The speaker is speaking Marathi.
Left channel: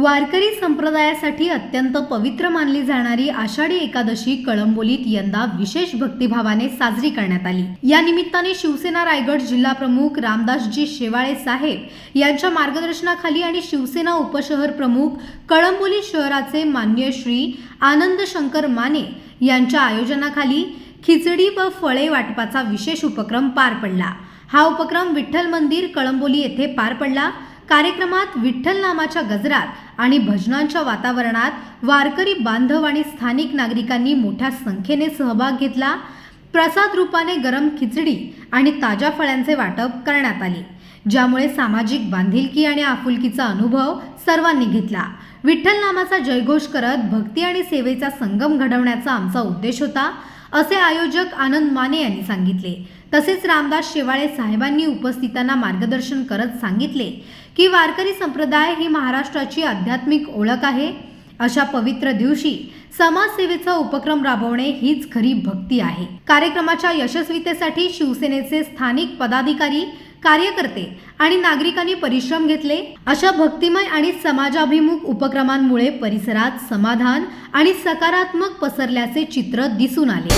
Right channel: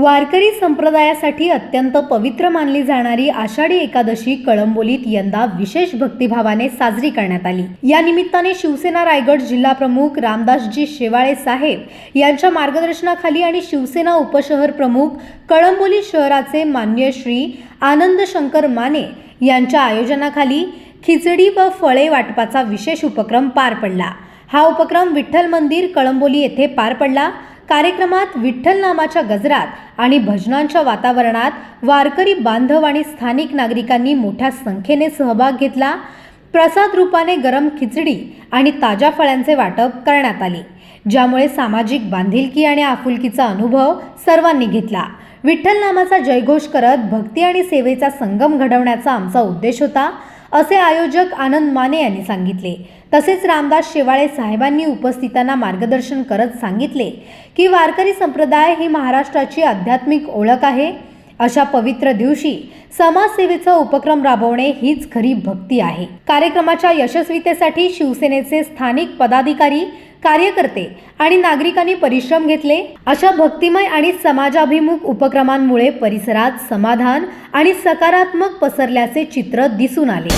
वारकरी संप्रदायासाठी अत्यंत पवित्र मानली जाणारी आषाढी एकादशी कळंबोलीत यंदा विशेष भक्तिभावाने साजरी करण्यात आली. या निमित्ताने शिवसेना रायगड जिल्हा प्रमुख रामदासजी शेवाळे साहेब यांच्या मार्गदर्शनाखाली आणि शिवसेना उपशहर प्रमुख कळंबोली शहराचे मान्य श्री आनंद शंकर माने यांच्या आयोजनाखाली खिचडी व फळे वाटपाचा विशेष उपक्रम पार पडला. हा उपक्रम विठ्ठल मंदिर कळंबोली येथे पार पडला. कार्यक्रमात विठ्ठल नामाच्या गजरात आणि भजनांच्या वातावरणात वारकरी बांधव आणि स्थानिक नागरिकांनी मोठ्या संख्येने सहभाग घेतला. प्रसाद रूपाने गरम खिचडी आणि ताज्या फळ्यांचे वाटप करण्यात आले. ज्यामुळे सामाजिक बांधिलकी आणि आपुलकीचा अनुभव सर्वांनी घेतला. विठ्ठल नामाचा जयघोष करत भक्ती आणि सेवेचा संगम घडवण्याचा आमचा उद्देश होता. असे आयोजक आनंद माने यांनी सांगितले. तसेच रामदास शेवाळे साहेबांनी उपस्थितांना मार्गदर्शन करत सांगितले की वारकरी संप्रदाय ही महाराष्ट्राची आध्यात्मिक ओळख आहे. अशा पवित्र दिवशी समाजसेवेचा उपक्रम राबवणे हीच खरी भक्ती आहे. कार्यक्रमाच्या यशस्वीतेसाठी शिवसेनेचे स्थानिक पदाधिकारी कार्यकर्ते आणि नागरिकांनी परिश्रम घेतले. अशा भक्तिमय आणि समाजाभिमुख उपक्रमांमुळे परिसरात समाधान आणि सकारात्मक पसरल्याचे चित्र दिसून आले.